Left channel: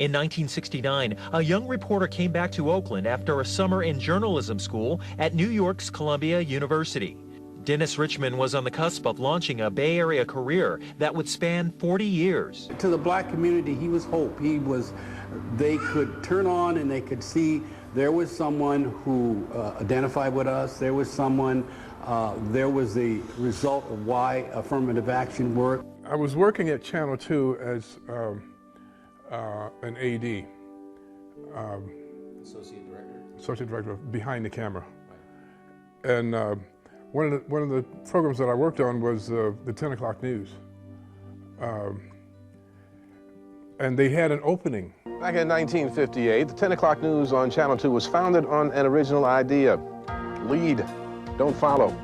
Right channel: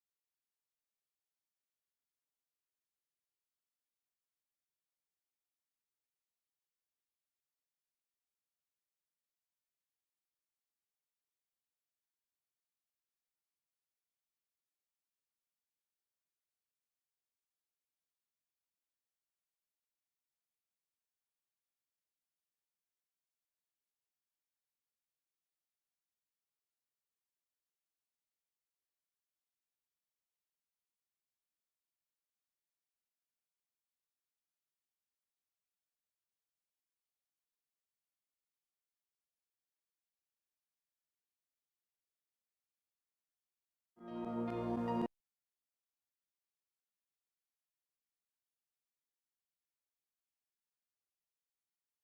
In 1969, a young reporter came back to Oakland after a summer in journalism school at New York's Columbia University. Dennis Richmond was on the cusp of launching a Bay Area career that would span 40 years. To the black community, he was hope. They could turn on and they could see there was someone who identified with us. There was someone, there was the result of why affirmative action worked. I was working at Channel 2 as an AD. Associate Director behind the camera. Right. And one of the programs that I worked on was the 10 o'clock news. And they had an opening. Back in 1958, the 10 o'clock news on Channel 2 was founded on an original idea: lead, don't follow.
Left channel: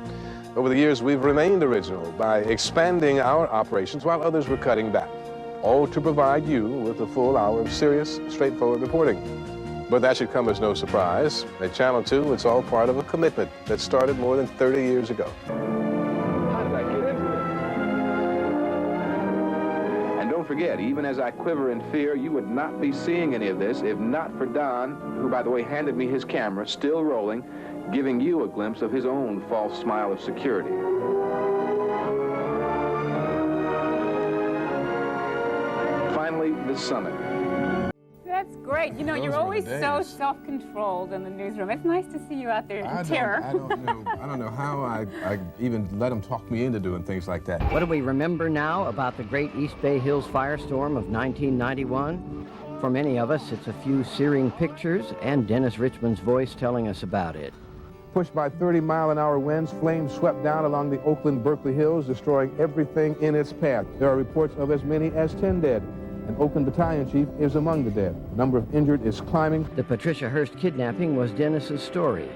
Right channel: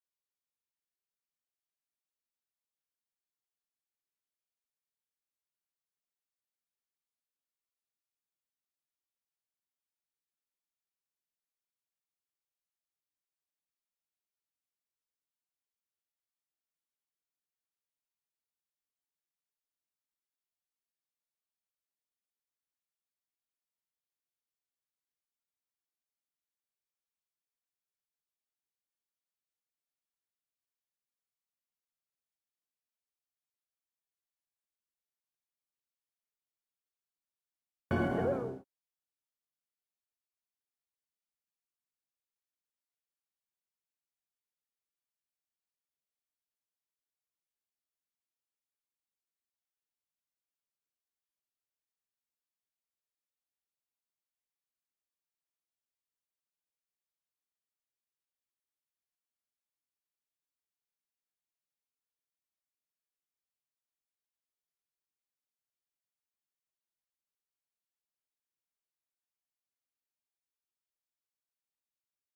Over the years, we've remained original by expanding our operations while others were cutting back, all to provide you with a full hour of serious, straightforward reporting. But that should come as no surprise. At Channel 2, it's all part of a commitment that started more than 30 years ago. How did I get into it? And don't forget, even as I quiver in fear, you would not be seeing any of this if not for Don, who, by the way, handed me his camera, still rolling, giving you a glimpse of his own false smile of security. Finally, the summit. That's great. You know, you're always so self-controlled in the newsroom. It's nice to see you out there in terror. I don't know how I even let him talk me into doing things like that. What do we remember now about the great East Bay Hills firestorm of 1991? For many of us, it's a few searing pictures and Dennis Richmond's voice telling us about it. Pushed by 30-mile-an-hour winds, flames swept down along the Oakland-Berkeley Hills, destroying everything in its path. There are reports of as many as 10 dead. An Oakland battalion chief is among the dead. The number of injured is climbing. The Patricia Hearst kidnapping was Dennis's story.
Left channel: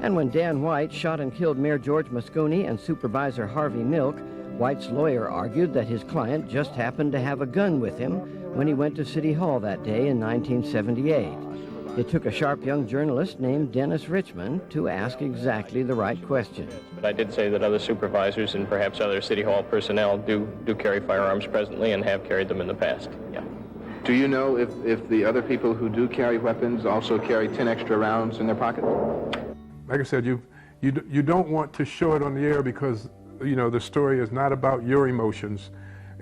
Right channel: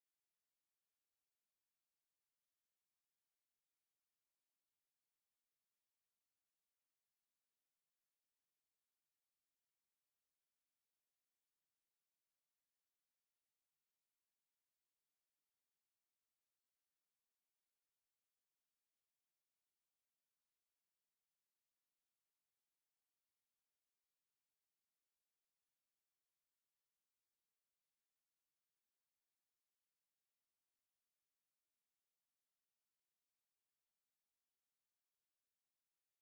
And when Dan White shot and killed Mayor George Moscone and Supervisor Harvey Milk, White's lawyer argued that his client just happened to have a gun with him when he went to City Hall that day in 1978. It took a sharp young journalist named Dennis Richmond to ask exactly the right question. But I did say that other supervisors and perhaps other City Hall personnel do carry firearms presently and have carried them in the past. Yeah. Do you know if the other people who do carry weapons also carry 10 extra rounds in their pockets? Like I said, you don't want to show it on the air because, you know, the story is not about your emotions.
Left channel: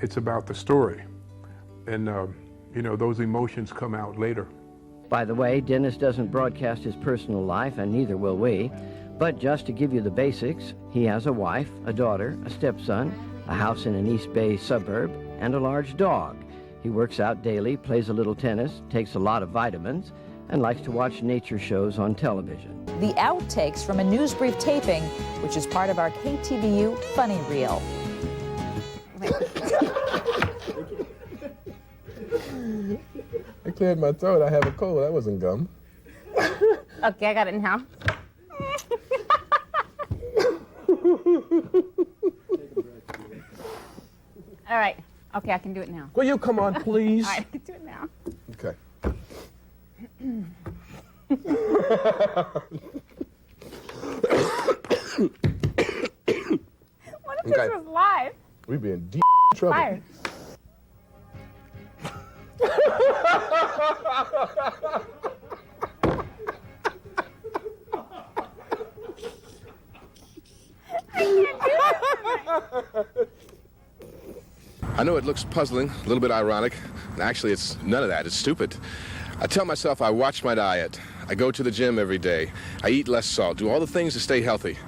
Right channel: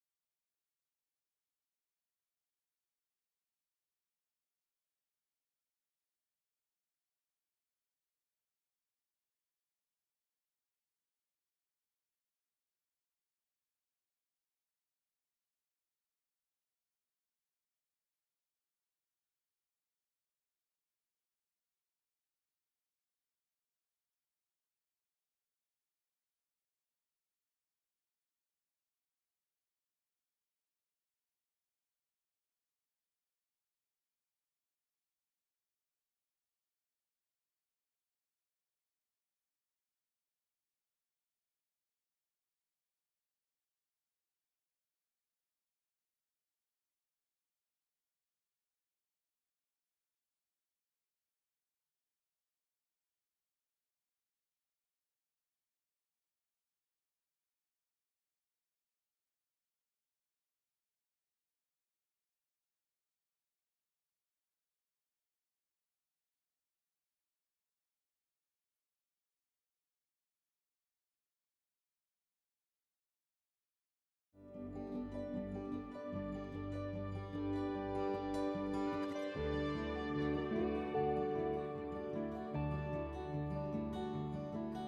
It's about the story. And, you know, those emotions come out later. By the way, Dennis doesn't broadcast his personal life, and neither will we. But just to give you the basics, he has a wife, a daughter, a stepson, a house in an East Bay suburb, and a large dog. He works out daily, plays a little tennis, takes a lot of vitamins, and likes to watch nature shows on television. The outtakes from a news brief taping, which is part of our KTVU Funny Reel. I cleared my throat. I have a cold. That wasn't gum. Okay, I got it now. All right. Okay, I can do it now. Will you come on, please? All right, I can do it now. Okay. What if this was live? We'd be in deep trouble. Fired. I know it looks puzzling, a little bit ironic. Actually, it's none of that. It's stupid. I tell myself I watch my diet. I go to the gym every day. I eat less salt, do all the things to stay healthy.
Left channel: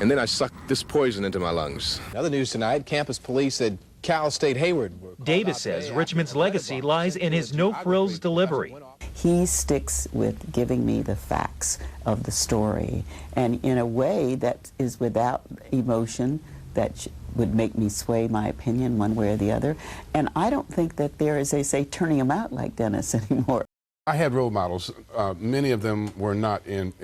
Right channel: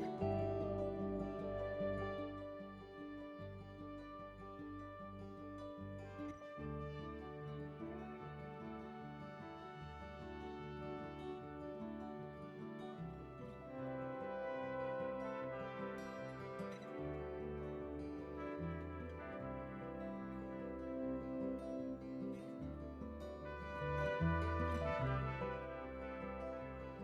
And then I suck this poison into my lungs. Other news tonight, campus police at Cal State Hayward. Davis says Richmond's legacy lies in his no-frills delivery. He sticks with giving me the facts of the story, and in a way that is without emotion, that would make me sway my opinion one way or the other. And I don't think that there is, they say, turning him out like Dennis anymore. I had role models. Many of them were not in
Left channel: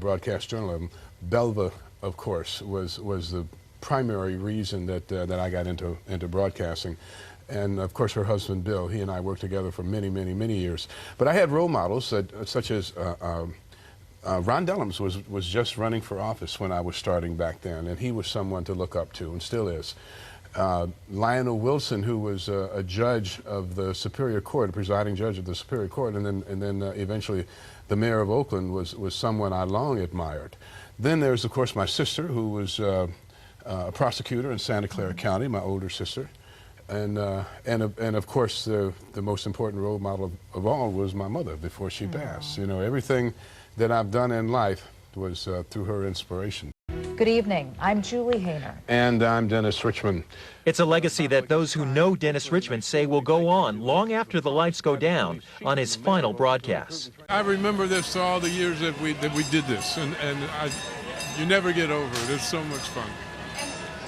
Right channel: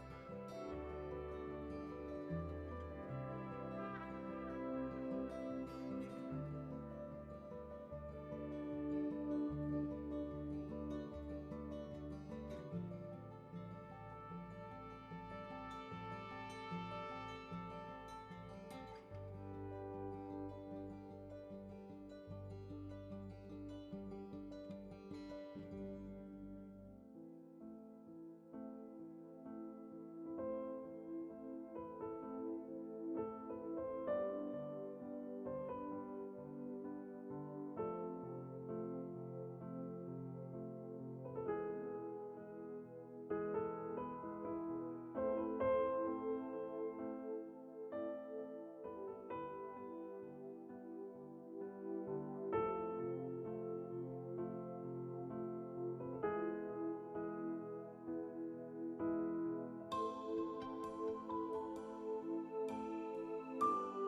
broadcast journalism. Belva, of course, was the primary reason that I got into broadcasting. And of course her husband Bill, he and I worked together for many, many, many years. But I had role models such as Ron Dellums was just running for office when I was starting back then, and he was someone to look up to and still is. Lionel Wilson, who was a judge of the Superior Court, a presiding judge of the Superior Court, and then eventually the mayor of Oakland was someone I long admired. Then there's, of course, my sister, who was a prosecutor in Santa Clara County, my older sister. And of course, the most important role model of all was my mother before she passed. You know, everything that I've done in life was through her inspiration. Good evening. I'm Julie Hayner. And I'm Dennis Richmond. It's a legacy that those who know Dennis Richmond say will go on long after the lights go down on his final broadcasts. I remember this all the years that we did this, and you never get over it. It's so much fun.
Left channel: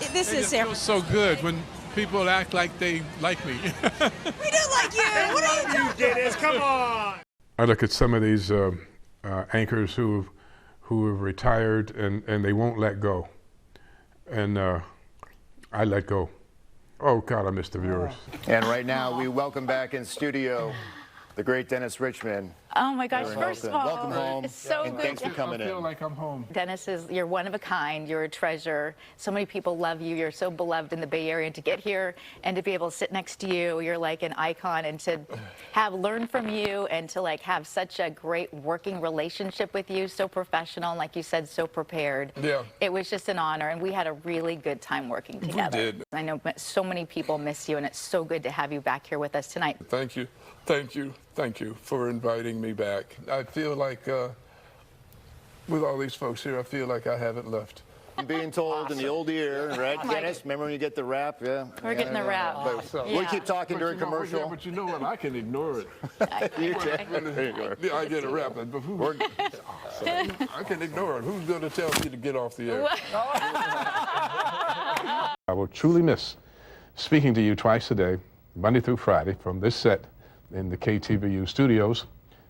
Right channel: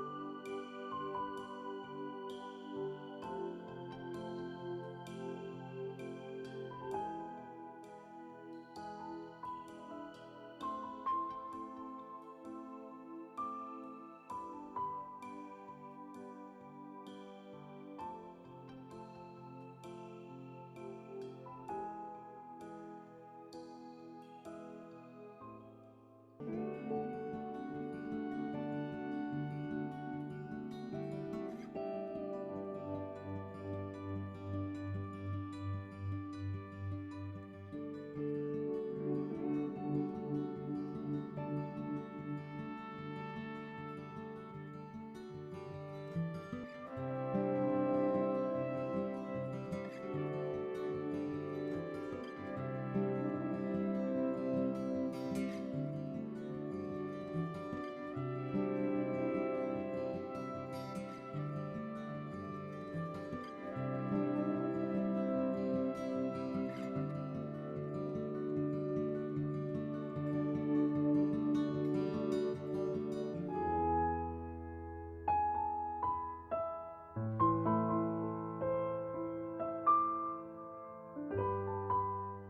It feels so good when people act like they like me. We do like you. What are you doing? Dennis, come on. I look at some of these anchors who have retired and they won't let go. And I let go. Oh God, I miss the viewers. And right now we welcome back in studio the great Dennis Richmond. Oh my gosh, first of all, welcome home. It's so and good. Thanks for coming in. I feel like I'm home. Dennis, you're one of a kind. You're a treasure. So many people love you. You're so beloved in the Bay Area. And to get here and to be able to sit next to you, you're like an icon. And to learn from you and to have such a great working relationship with you, so professional, and like you said, so prepared. Yeah. It was just an honor, and we had a really good time working together. We did. I know so many people miss you, and it's so good to have you back here with us tonight. Thank you. Thank you. Thank you for inviting me back. I feel like, with all these folks here, I feel like I haven't left. I'm being told in the old ear, right, Dennis? Remember when you get the rap? Yeah. We're getting the rap. We'll keep talking during commercial. Yeah, but you know what? I can ignore it. You can. Yeah, I get a rap, but I can ignore it. Who's going to tell me to get off the air? I will truly miss speaking to you twice a day, Monday through Friday, from this set in the KTVU studios.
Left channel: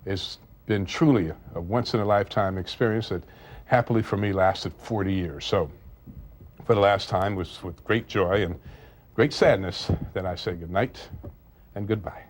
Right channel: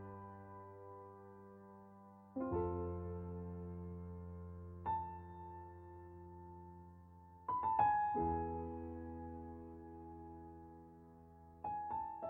It's been truly a once-in-a-lifetime experience that happily for me lasted 40 years. So for the last time, it was with great joy and great sadness that I say good night and goodbye.